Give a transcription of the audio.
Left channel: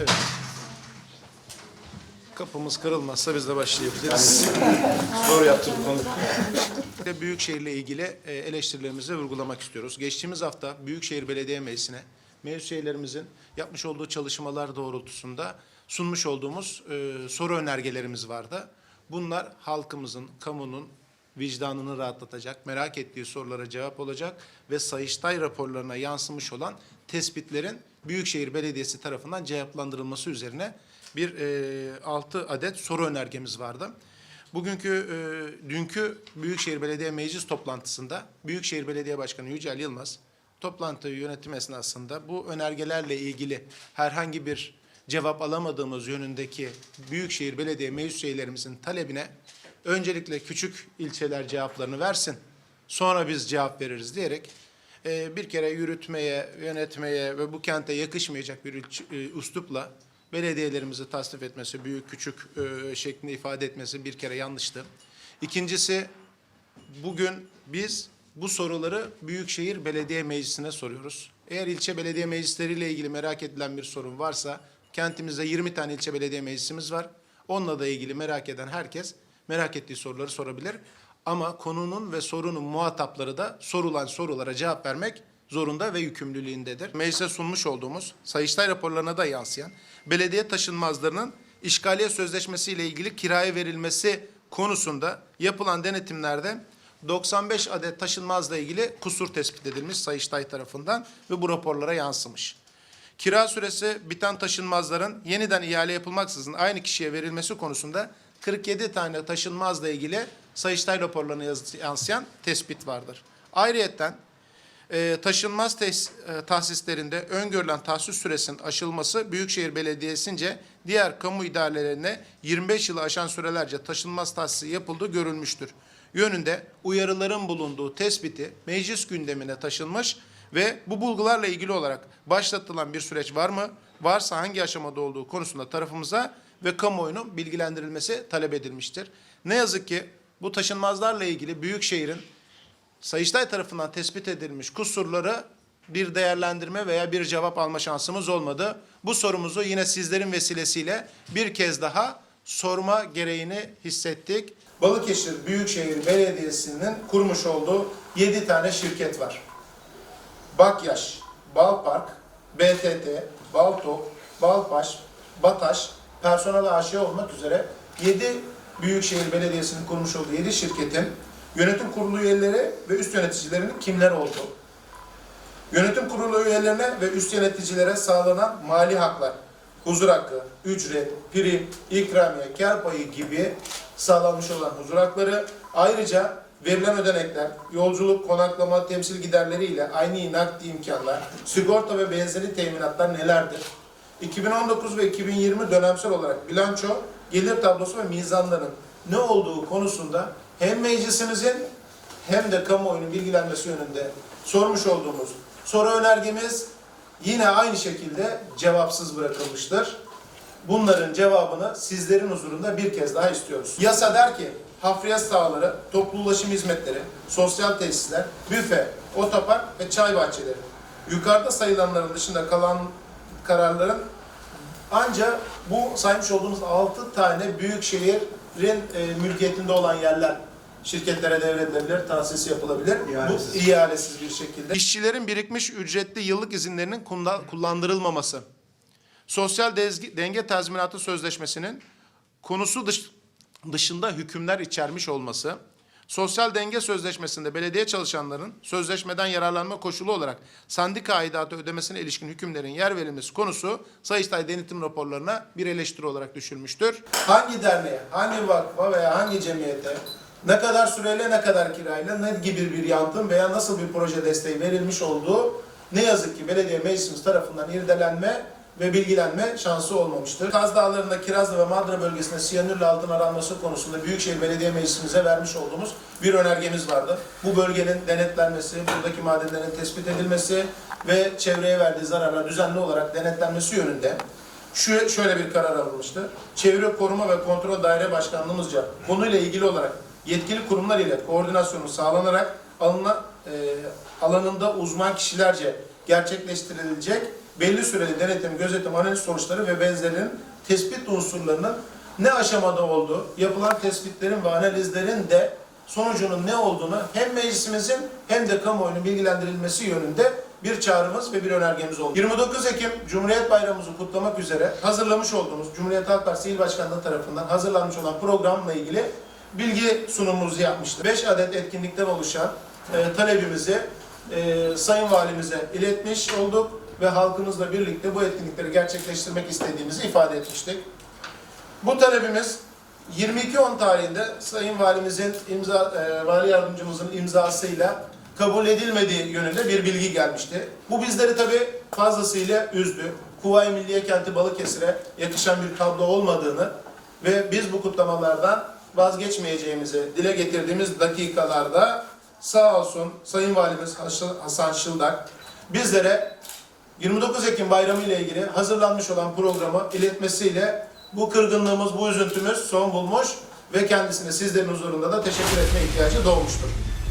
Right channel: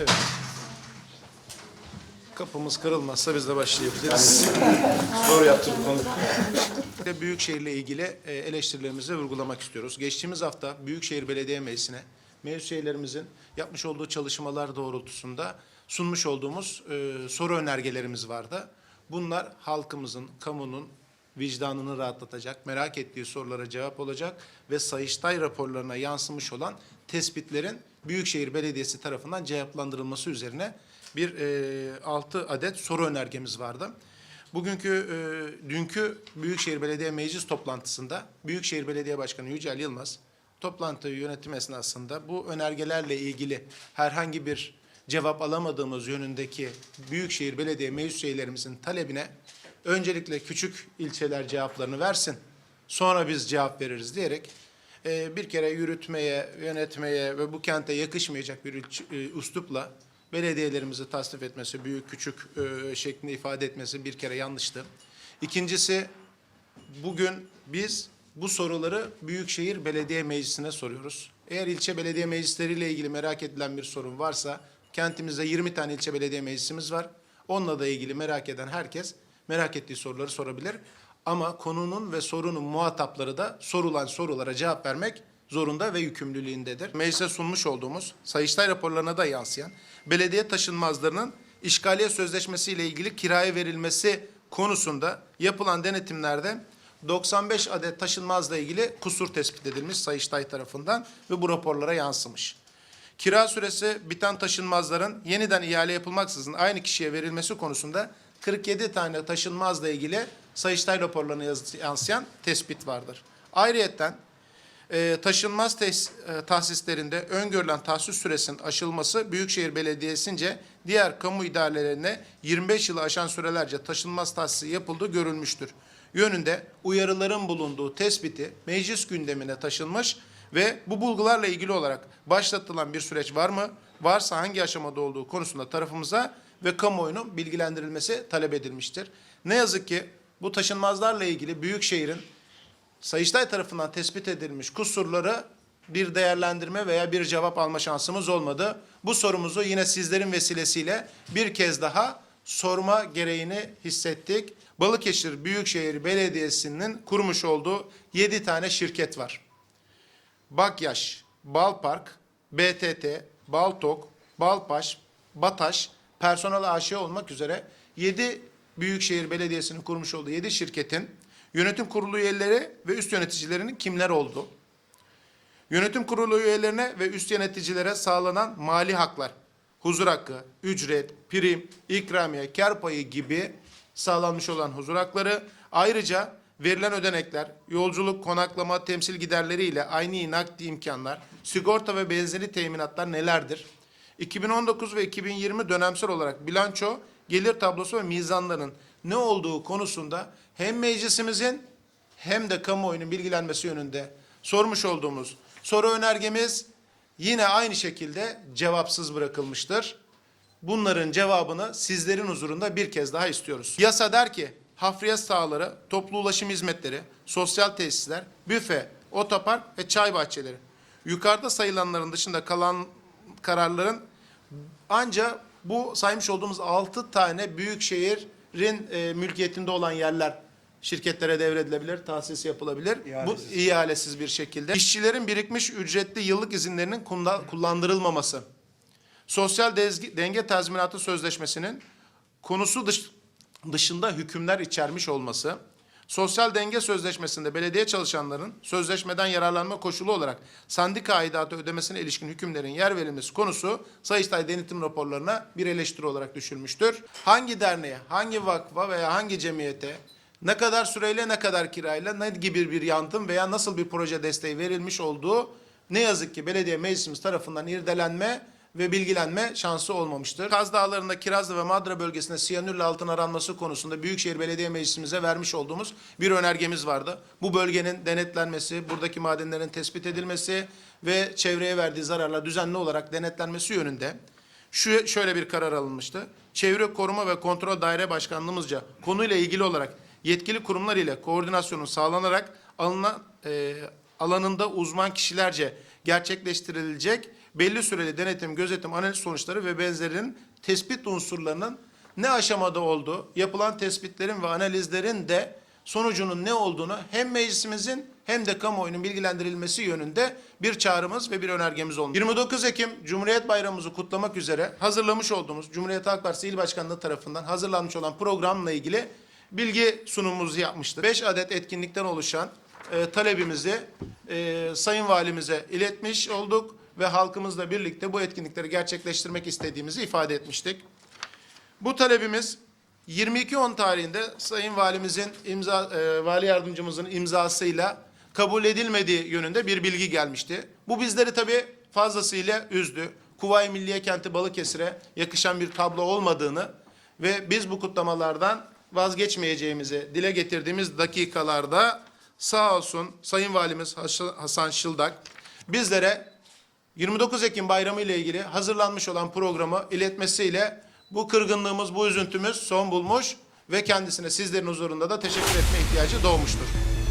Evet. Kapımız kırılmazsa biz de başlayabiliriz. Zor yaptık konu. Ve Büyükşehir'le ilgili e, eleştirilerimizi vurgulamak istiyoruz. Geçtiğimiz hafta Büyükşehir Belediye Meclisi'ne mevcut şehirlerimizin yapmış olduğu çalışmalar doğrultusunda sunmuş olduğumuz e, soru önergelerimiz vardı. Bunlar halkımızın, kamunun vicdanını rahatlatacak, merak ettiği sorulara cevap olacak ve Sayıştay raporlarına yansımış olan tespitlerin Büyükşehir Belediyesi tarafından cevaplandırılması üzerine bir e, 6 adet soru önergemiz vardı. Bugünkü, e, dünkü Büyükşehir Belediye Meclis toplantısında Büyükşehir Belediye Başkanı Yücel Yılmaz toplantıyı yönetim esnasında bu önergelerle ilgili herhangi bir cevap alamadığımız yönündeki Büyükşehir Belediye meclis üyelerimizin talebine öncelikle küçük ilçeler cevaplarını versin. Sonra biz cevap veririz diyerek e, bir kere yürütmeye, yönetmeye ve bu kente yakışmayacak bir üç- e, üslupla belediyelerimizi tasnif etmesi, büyük küçük e, şeklinde ifade etmesi bir kere yanlıştı. İkincisi bugün biz bu soruları Büyükşehir Belediye Meclisi'ne soruyoruz. Eğer ilçe belediye meclisleriyle ilgili merak edilen bir sorun varsa kentimizde 20 tane ilçe belediye meclisimiz var. Onunla da ilgili merak eden herkes merak ettiği soruları sorabilir. Ama konunun ve sorunun muhatapları da sorulan sorulara cevap vermek zorunda ve yükümlülüğündedir. Meclise sunmuş olduğumuz Sayıştay raporlarına da yansıyan belediye taşınmazlarının işgaliye sözleşmesi ile ilgili kiraya verilmesi konusunda yapılan denetimlerde 95 adet taşınmazla ilgili kusur tespit edilmiş Sayıştay tarafından ve bu raporlara yansımış. Kira süresi biten taşınmazların yeniden ihale yapılmaksızın aynı kişiye verilmesi konusunda 47 tane taşınmazla ilgili Sayıştay raporlarına yansıyan tespit vardır. Ayrıyeten e, taşınmaz tes, e, tahsislerinde öngörülen tahsis süresinin aşılması Büyükşehir Belediyesi'nce diğer kamu idarelerine 25 yılı aşan sürelerce taşınmaz tahsisi yapıldığı görülmüştür. Yönünde uyarıların bulunduğu tespiti meclis gündemine taşınmış ve bu bulgularla ilgili olarak başlatılan bir süreç var mı? Varsa hangi aşamada olduğu konusunda tarafımıza ve kamuoyunun bilgilendirilmesi talep edilmiştir. Ne yazık ki bu taşınmazlarla ilgili Büyükşehir'in Sayıştay tarafından tespit edilmiş kusurları bir değerlendirme veya bir cevap alma şansımız olmadı. Bu sorumuzu yine sizlerin vesilesiyle bir kez daha sorma gereğini hissettik. Balıkesir Büyükşehir Belediyesi'nin kurmuş olduğu 7 tane şirket var. Bakyaş, Balpark, BTT, Baltok, Balpaş, Bataş, Personel AŞ olmak üzere 7 Büyükşehir Belediyesi'nin kurmuş olduğu 7 şirketin yönetim kurulu üyeleri ve üst yöneticilerinin kimler olduğu. Yönetim kurulu üyelerine ve üst yöneticilere sağlanan mali haklar, huzur hakkı, ücret, prim, ikramiye, kar payı gibi sağlanmış olan huzur hakları ayrıca verilen ödenekler, yolculuk, konaklama, temsil giderleri ile aynı nakdi imkanlar, sigorta ve benzeri teminatlar nelerdir? 2019 ve 2020 dönemsel olarak bilanço, gelir tablosu ve mizanların ne olduğu konusunda hem meclisimizin hem de kamuoyunun bilgilenmesi yönünde sormuş olduğumuz soru önergemiz yine aynı şekilde cevapsız bırakılmıştır. Bunların cevabını sizlerin huzurunda bir kez daha istiyoruz. Yasa der ki hafriyat sahaları, toplu ulaşım hizmetleri, sosyal tesisler, büfe, otopark ve çay bahçeleri. Yukarıda sayılanların dışında kalan kararların ancak bu saymış olduğumuz 6 tane büyük şehrin e, mülkiyetinde olan yerler şirketlere devredilebilir, tahsis yapılabilir. İhalesiz. Bu ihalesiz bir şekilde. İşçilerin birikmiş ücretli yıllık izinlerinin kullandırılmaması. Sosyal denge tazminatı sözleşmesinin konusu dış- dışında hükümler içermiş olması. Sosyal denge sözleşmesinde belediye çalışanların sözleşmeden yararlanma koşulu olarak sendika aidatı ödemesine ilişkin hükümlerin yer verilmesi konusu Sayıştay denetim raporlarına bir eleştiri olarak düşülmüştür. Hangi derneğe, hangi vakfa veya hangi cemiyete ne kadar süreyle ne kadar kirayla ne gibi bir yantım veya nasıl bir proje desteği verilmiş olduğu ne yazık ki belediye meclisimiz tarafından irdelenme ve bilgilenme şansı olmamıştır. Kaz Dağları'nda Kirazlı ve Madra bölgesinde siyanürle altın aranması konusunda Büyükşehir Belediye Meclisimize vermiş olduğumuz bir önergemiz vardı. Bu bölgenin denetlenmesi, buradaki madenlerin tespit edilmesi ve çevreye verdiği zararlar düzenli olarak denetlenmesi yönünde şu şöyle bir karar alınmıştı. Çevre Koruma ve Kontrol Daire Başkanlığımızca konuyla ilgili olarak yetkili kurumlar ile koordinasyonu sağlanarak alınan e, alanında uzman kişilerce gerçekleştirilecek belli süreli denetim, gözetim, analiz sonuçları ve benzerinin tespit unsurlarının ne aşamada olduğu, yapılan tespitlerin ve analizlerin de sonucunun ne olduğunu hem meclisimizin hem de kamuoyunun bilgilendirilmesi yönünde bir çağrımız ve bir önergemiz oldu. 29 Ekim Cumhuriyet Bayramımızı kutlamak üzere hazırlamış olduğumuz Cumhuriyet Halk Partisi İl Başkanlığı tarafından hazırlanmış olan programla ilgili bilgi sunumumuzu yapmıştır. 5 adet etkinlikten oluşan e, talebimizi e, Sayın Valimize iletmiş olduk ve halkımızla birlikte bu etkinlikleri gerçekleştirmek istediğimizi ifade etmiştik. Bu talebimiz 22.10 tarihinde Sayın Valimizin imza, e, Vali Yardımcımızın imzasıyla kabul edilmediği yönünde bir bilgi gelmişti. Bu bizleri tabii fazlasıyla üzdü. Kuvayi Milliye Kenti Balıkesir'e yakışan bir tablo olmadığını ve biz bu kutlamalardan vazgeçmeyeceğimizi dile getirdiğimiz dakikalarda sağ olsun Sayın Valimiz Hasan Şıldak bizlere 29 Ekim bayramı ile ilgili hazırlanmış olan programı iletmesiyle bu kırgınlığımız, bu üzüntümüz son bulmuş ve kendisine sizlerin huzurunda da teşekkür etme ihtiyacı doğmuştur.